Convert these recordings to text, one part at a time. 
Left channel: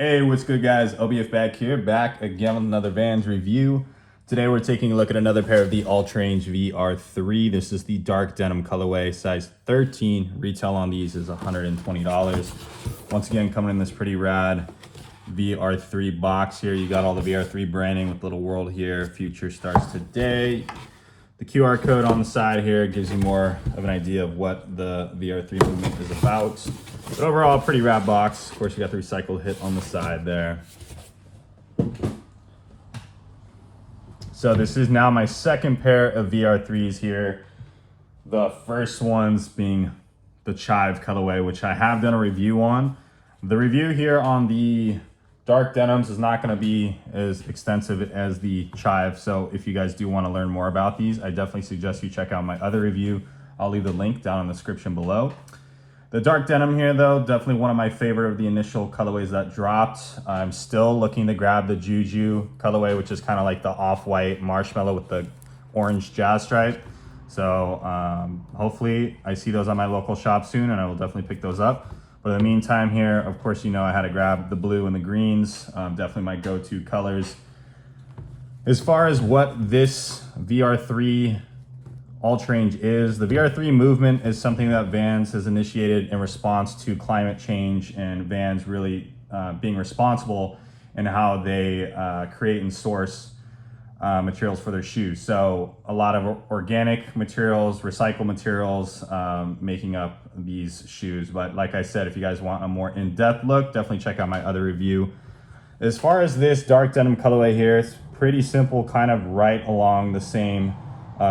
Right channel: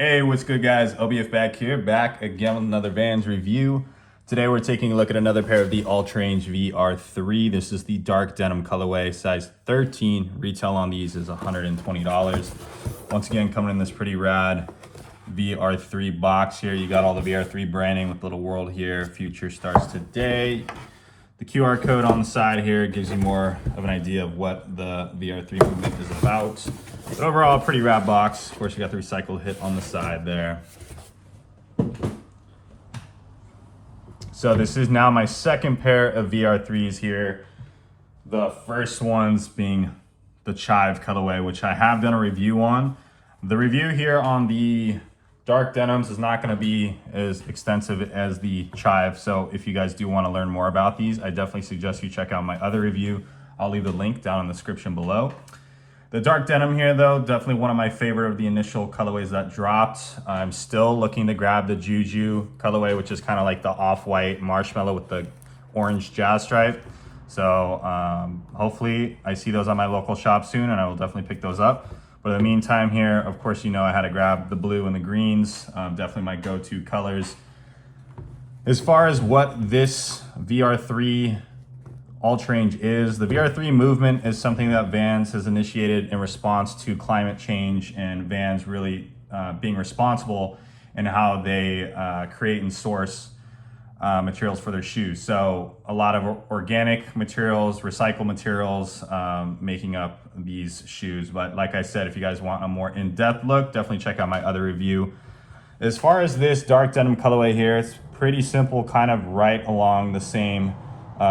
Hey, what's good guys? LBF back here, back again with another Vans review. Today we're taking a look at another pair of the Ultrarange VR3. This is the dark denim colorway, size 13. Retail on these is $120. Once again, coming in this pretty rad VR3 box here. You got all the VR3 branding with little world here. Future starts today. The QR code on the side here gives you more of an idea of what the VR3 movement is about. But overall, pretty rad box. Of course, you got the recycled hit on the side there. So this is now my second pair of VR3s here. The first ones being the Chive colorway, which I have done a review on. The review here on the dark denims is not going to be as extensive as the Chive, so if you guys do want to learn more about these, I definitely suggest you check out my other review. I'll leave the link down in the description below. The dark denim here though, definitely one of my favorite of the initial colorways that dropped. I'm still looking to grab the Juju colorway, which is kind of like the off-white marshmallow with the orange jazz stripe. So hopefully I see those on my local shop soon and I will definitely pick those up. But in the meantime here, of course, you know I had to grab the blue and the greens, definitely my go-to colors. As far as what this VR3 Ultrarange is, the VR3 movement is something that Vans has initiated in response to climate change and Vans really being responsible in how they create and source materials for their shoes. So a lot of organic materials, recycled materials, making up these shoes. But like I said, if you guys want a more in-depth look, definitely check out my other review. As far as this dark denim colorway here, it's pretty simple, kind of right along the same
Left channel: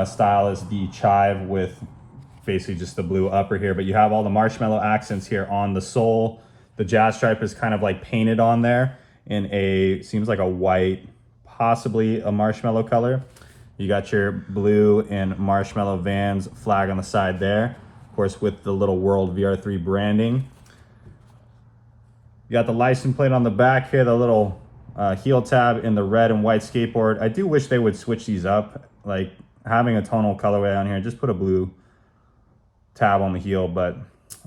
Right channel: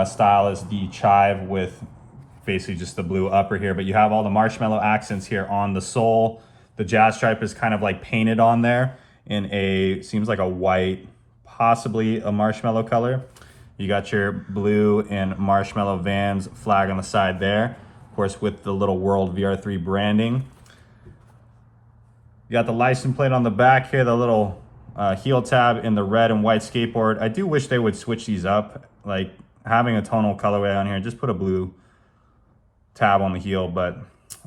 style as the Chive with basically just the blue upper here, but you have all the marshmallow accents here on the sole. The jazz stripe is kind of like painted on there in a, seems like a white, possibly a marshmallow color. You got your blue and marshmallow Vans flag on the side there, of course with the little World VR3 branding. You got the license plate on the back here, the little heel tab in the red and white skateboard. I do wish they would switch these up, like having a tonal colorway on here, just put a blue tab on the heel, but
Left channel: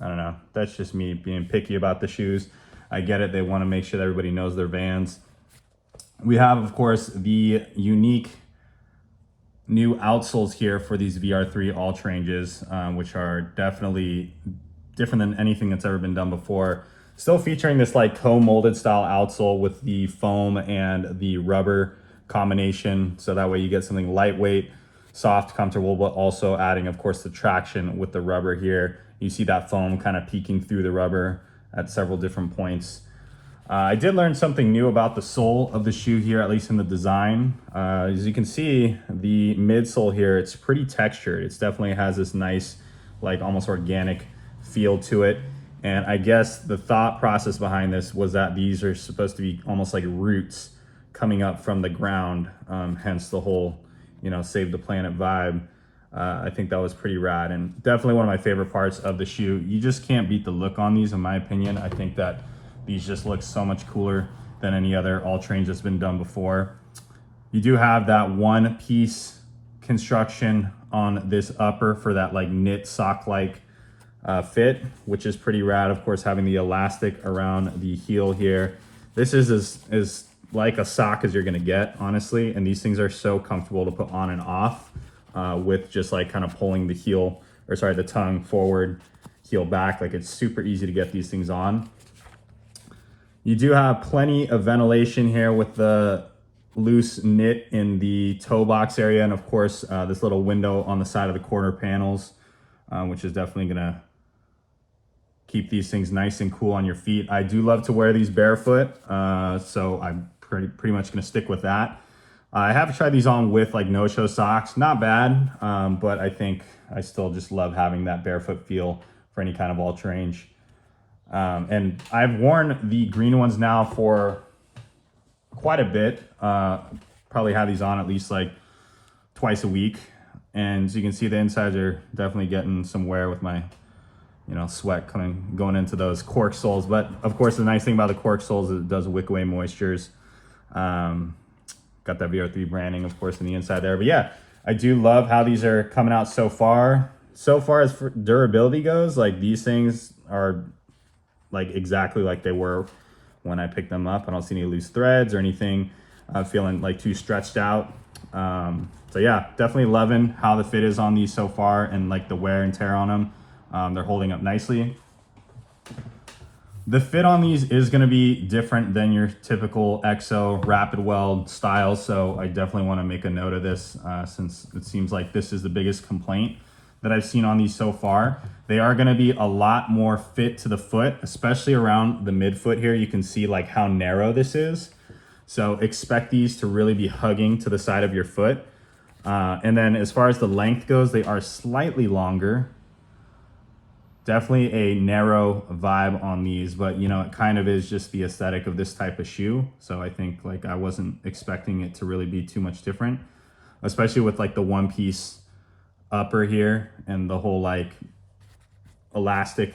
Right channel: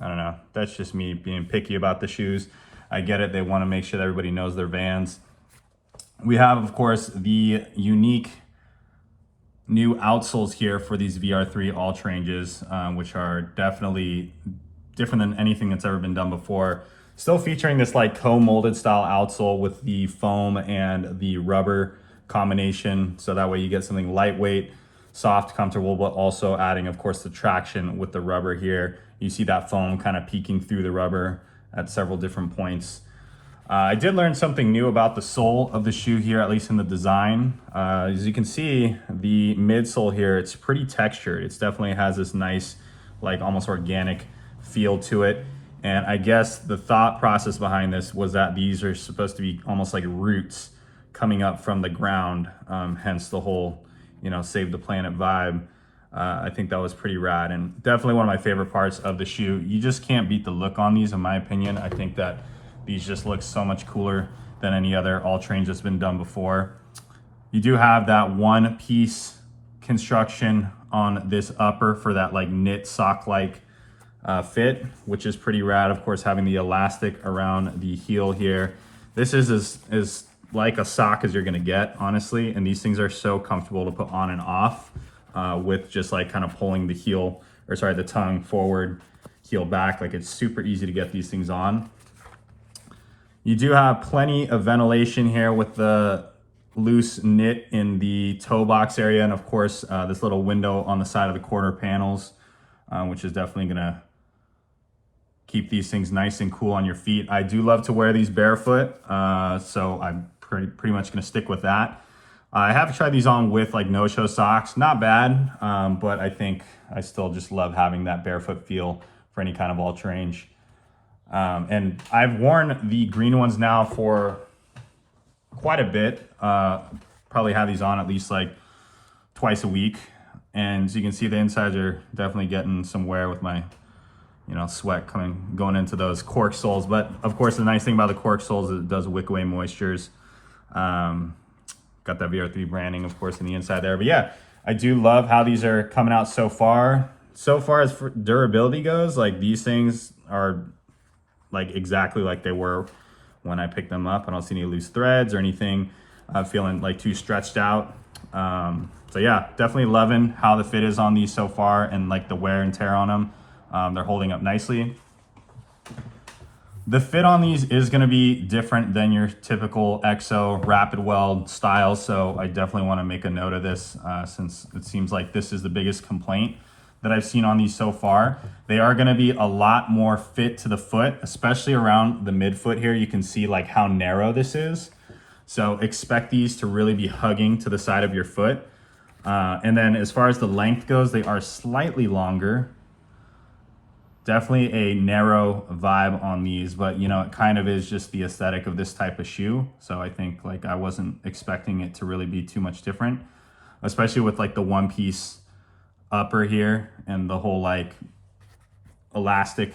I don't know, that's just me being picky about the shoes. I get it, they want to make sure that everybody knows their Vans. We have, of course, the unique new outsoles here for these VR3 Ultraranges, which are definitely different than anything that's ever been done before. Still featuring this like toe-molded style outsole with the foam and the rubber combination, so that way you get something lightweight, soft, comfortable, but also adding, of course, the traction with the rubber here. You see that foam kind of peeking through the rubber at several different points. I did learn something new about the sole of the shoe here, at least in the design. As you can see, the midsole here, it's pretty textured. It definitely has this nice, like almost organic feel to it. And I guess the thought process behind this was that these are supposed to be almost like roots coming up from the ground, hence the whole, you know, save the planet vibe. I think that was pretty rad and definitely one of my favorite parts of the shoe. You just can't beat the look on these, in my opinion. I think that these just look so much cooler than any other Ultrarange that's been done before. You do have that one piece construction on this upper for that like knit sock-like fit, which is pretty rad. Of course, having the elastic around the heel here. This is as like a sock as you're gonna get, honestly. And these things are so comfortable to put on and off with just like kind of pulling the heel, or sorry, the tongue forward, heel back. Like it's super easy to get these things on. You do have plenty of ventilation here with the loose knit in the toe box area. And of course, this little window on the side of the quarter panels, which is definitely gonna keep these things nice and cool on your feet. I do love to wear these barefoot, so I'm pretty much gonna stick with that. I have tried these on with like no-show socks, not bad, but I think I still just love having that barefoot feel for any kind of Ultrarange. And I've worn the green ones now for quite a bit. Probably have these on at least like twice a week. And as you can see, the insides are definitely getting some wear with my, you know, sweat going into those cork soles. But of course, the nice thing about the cork soles is it does wick away moistures. Got that VR3 branding, of course, on the inside there. But yeah, I do love how these are coming out so far. So far as for durability goes, like these things are like exactly like they were when I pick them up. I don't see any loose threads or anything feeling like too stretched out. So yeah, definitely loving how the fit is on these so far, and like the wear and tear on them. They're holding up nicely. The fit on these is going to be different than your typical EXO rapid weld style, so I definitely want to make a note of this since it seems like this is the biggest complaint that I've seen on these so far. They are going to be a lot more fit to the foot, especially around the midfoot here. You can see like how narrow this is. So expect these to really be hugging to the side of your foot. And then as far as the length goes, they are slightly longer. Definitely a narrow vibe on these, but you know, it kind of is just the aesthetic of this type of shoe. So I think like I wasn't expecting it to really be too much different, especially with like the one piece upper here and the whole like elastic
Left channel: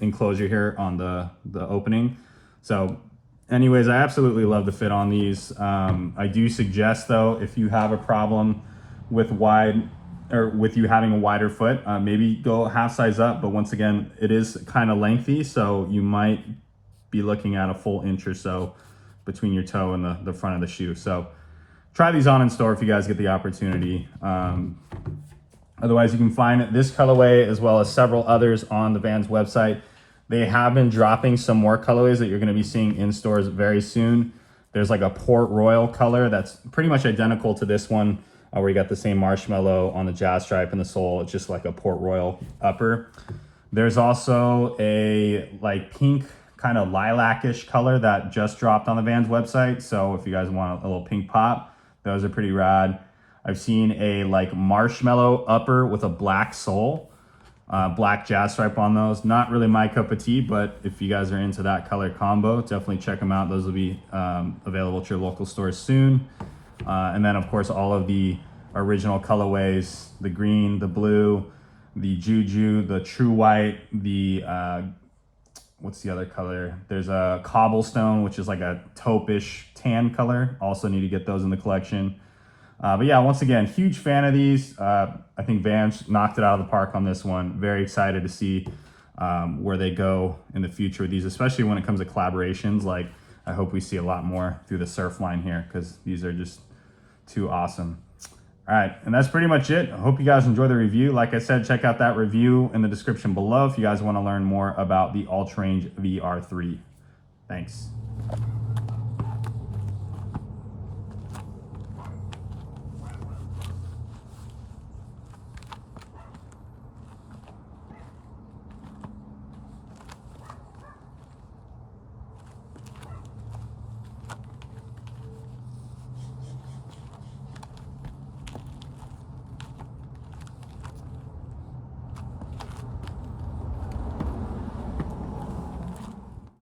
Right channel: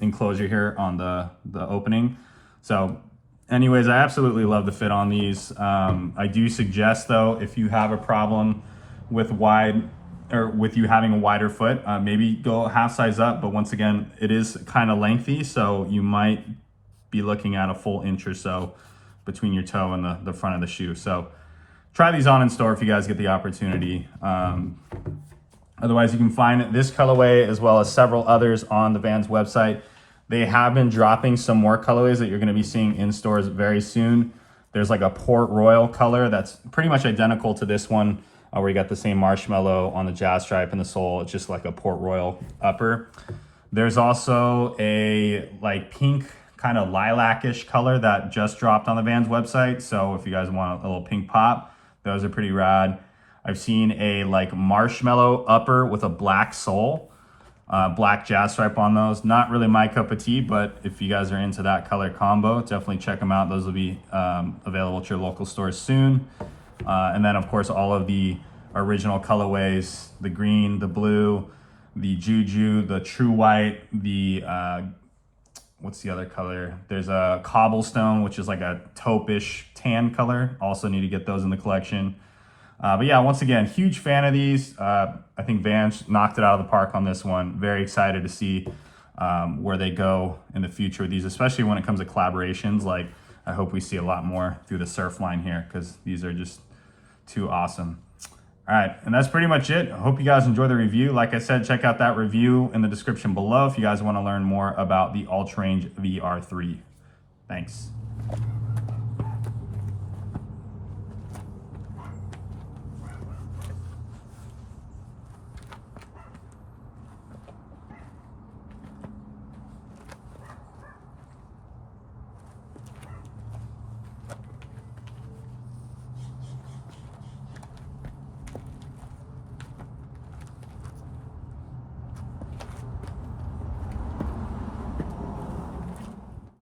enclosure here on the opening. So anyways, I absolutely love the fit on these. I do suggest though, if you have a problem with with you having a wider foot, maybe go half size up, but once again, it is kind of lengthy, so you might be looking at a full inch or so between your toe and the front of the shoe. So try these on in store if you guys get the opportunity. Otherwise, you can find this colorway as well as several others on the Vans website. They have been dropping some more colorways that you're going to be seeing in stores very soon. There's like a Port Royal color that's pretty much identical to this one, where you got the same marshmallow on the jazz stripe and the sole. It's just like a Port Royal upper. There's also a like pink kind of lilac-ish color that just dropped on the Vans website. So if you guys want a little pink pop, those are pretty rad. I've seen a like marshmallow upper with a black sole, black jazz stripe on those. Not really my cup of tea, but if you guys are into that color combo, definitely check them out. Those will be available at your local stores soon. And then of course all of the original colorways, the green, the blue, the Juju, the True White, the what's the other color? There's a Cobblestone, which is like a taupe-ish tan color. Also need to get those in the collection. But yeah, once again, huge fan of these. I think Vans knocked it out of the park on this one. Very excited to see where they go in the future with these, especially when it comes to collaborations. Like, I hope we see a lot more through the Surf line here, because these are just too awesome. All right, and that's pretty much it. I hope you guys enjoy the review. Like I said, check out that review in the description below if you guys want to learn more about the Ultrarange VR3. Thanks.